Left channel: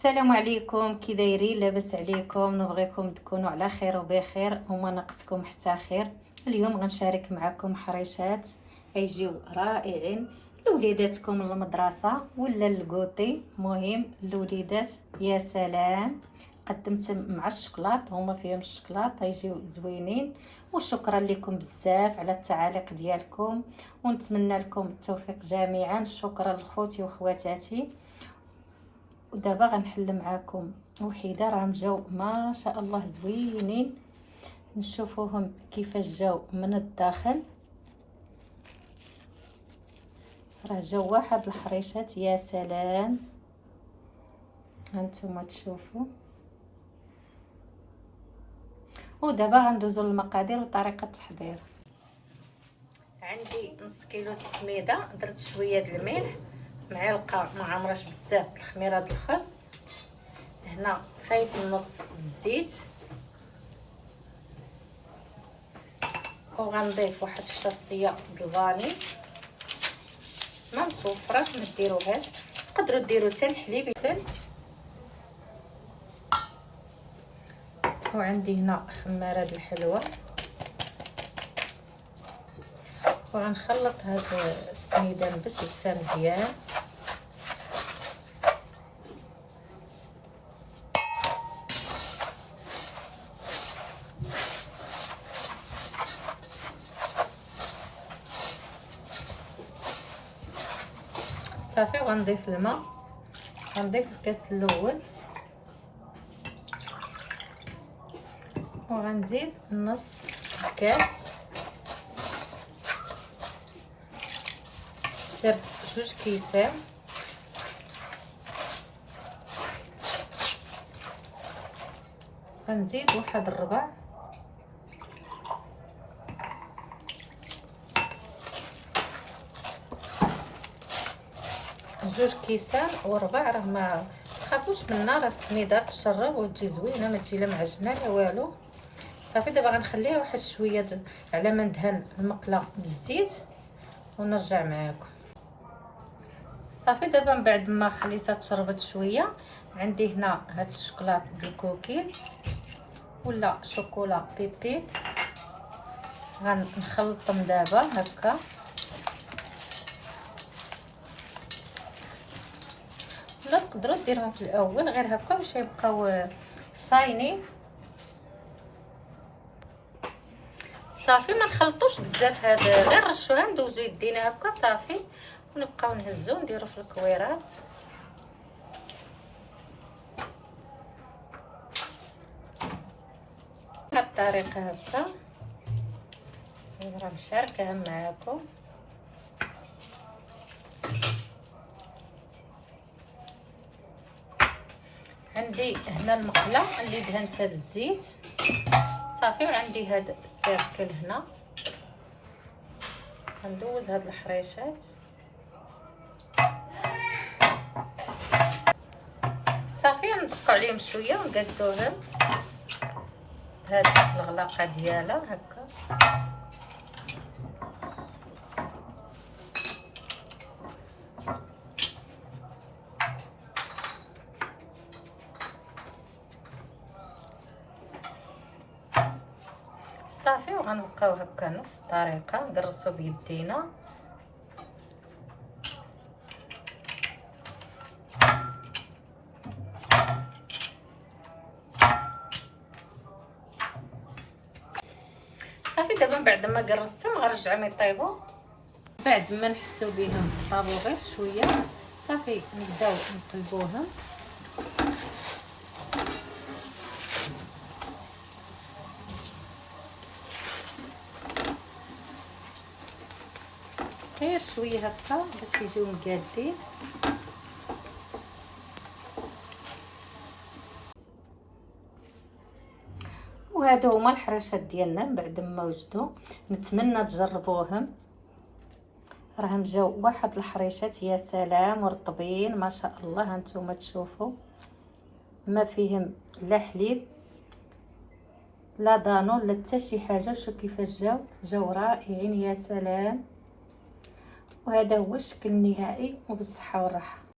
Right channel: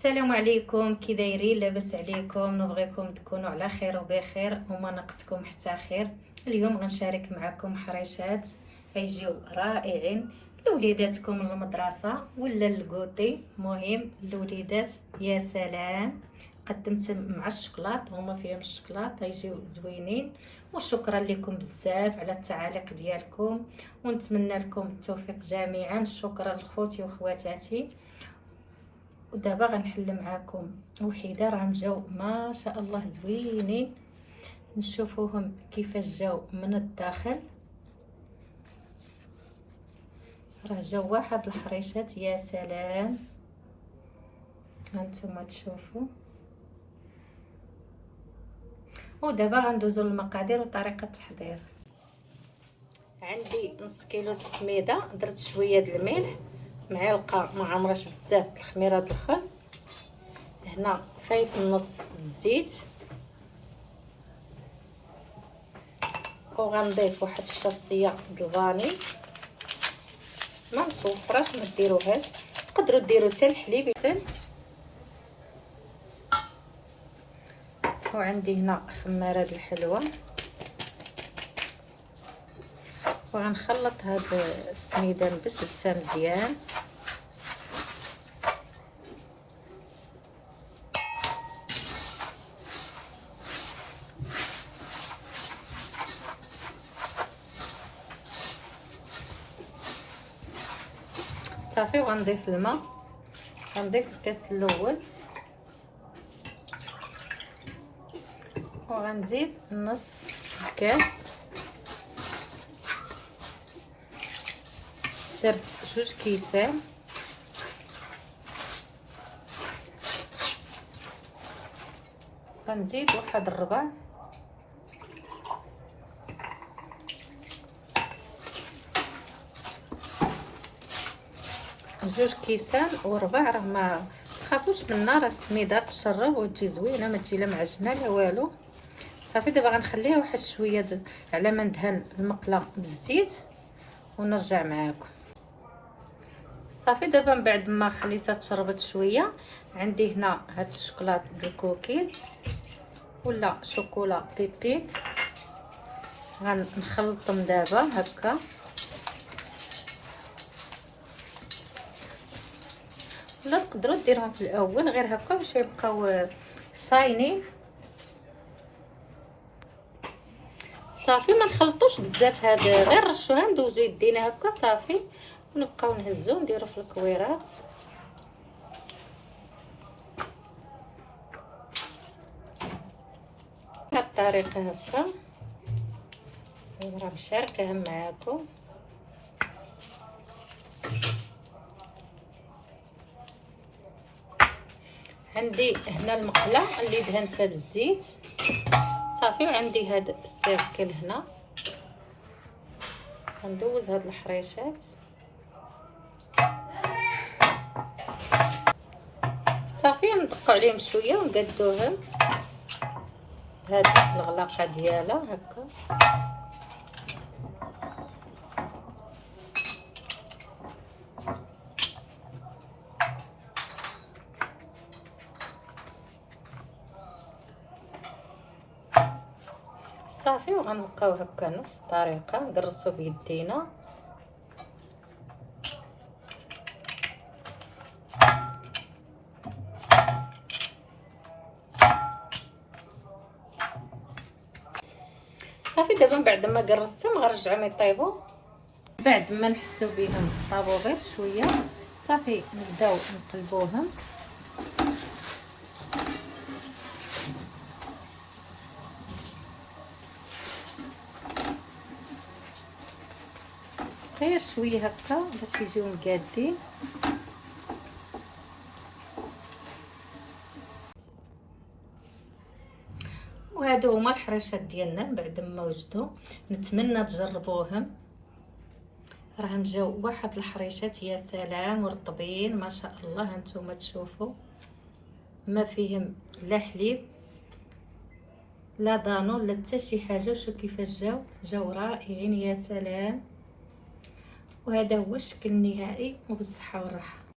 السلام عليكم، كي دايرين؟ لاباس عليكم؟ نبغيكم تكونوا على خير وبخير وما ناقصكم حتى خير. اليوم غنشارك معكم حريشات غيجيو رائعين لوليداتكم المدرسه ولا الكوتي. مهم الوليدات يا سلام، قدمت مع الشوكولات، هما فيهم الشوكولات غيجيو زوينين. وشكرا لكم بزاف على التعاليق ديالكم، ونتمنى لكم التوفيق جميعا. شكرا لخوتي وخواتاتي. ودابا غنحل معاكم وحده راهم جاو ما شاء الله زوينين، نشوفوهم كيفاش جاو من الداخل. راه جاو واحد الحريشات يا سلام، هانتوما تشوفوا. ودابا غندوزو للمقادير وطريقه التحضير. عندي نص كيلو السميده، درت شويه د الملح، معلقه ما عمرش بزاف د الخميره د الخبز، هنا فايت نص الزيت، وغنضيف واحد الشاصيه د الفاني ما متوفراش ما ديروهاش، تقدروا ديروا حتى الحليب يسل. وعندي هنا خماره د الحلوه، وغنخلط هاد السميده بالسلسه مزيان. صافي، وغنضيف الماء، غنضيف الكاس الاول، وغنزيد نص كاس. درت 2 كيسان، غنزيد واحد الربع، جوج كيسان وربع. راه ما تخافوش منا، راه السميده تشرب وتجي زوينه، ما تجي لا معجنه لا والو. صافي، دابا غنخليها واحد شويه على ما ندهن المقله بالزيت ونرجع معاكم. صافي، دابا من بعد ما خليتها تشربت شويه، عندي هنا هاد الشوكولات بالكوكيز ولا شوكولا بيبي، غنخلطهم دابا هكا. ولا تقدروا ديروهم في الاول غير هكا باش يبقاو صاينين. صافي، ما نخلطوش بزاف، هاد غير رشوها ندوزو يدينا هكا صافي، ونبقاو نهزو نديرو في الكويرات. بهاد الطريقه هكا راه مشاركاها معاكم. عندي هنا المقله اللي دهنتها بالزيت صافي، وعندي هاد السيركل هنا، غندوز هاد الحريشات صافي، غندقوا عليهم شويه ونقادوهم بهاد الغلاقه ديالها هكا. صافي، وغنبقاو هكا نفس الطريقه نقرصو بيدينا. صافي، دابا من بعد ما قرصتهم غنرجعهم يطيبوا. بعد ما نحسو بهم طابو غير شويه صافي نبداو نقلبوهم. غير شويه هكا باش يجيو مقادين. وهادو هما الحريشات ديالنا من بعد ما وجدوا. نتمنى تجربوهم، راهم جاو واحد الحريشات يا سلام، ورطبين ما شاء الله. هانتوما تشوفوا ما فيهم لا حليب لا دانون لا حتى شي حاجه. وشوف كيفاش جاو رائعين يا سلام. وهذا هو الشكل النهائي، وبالصحه والراحه.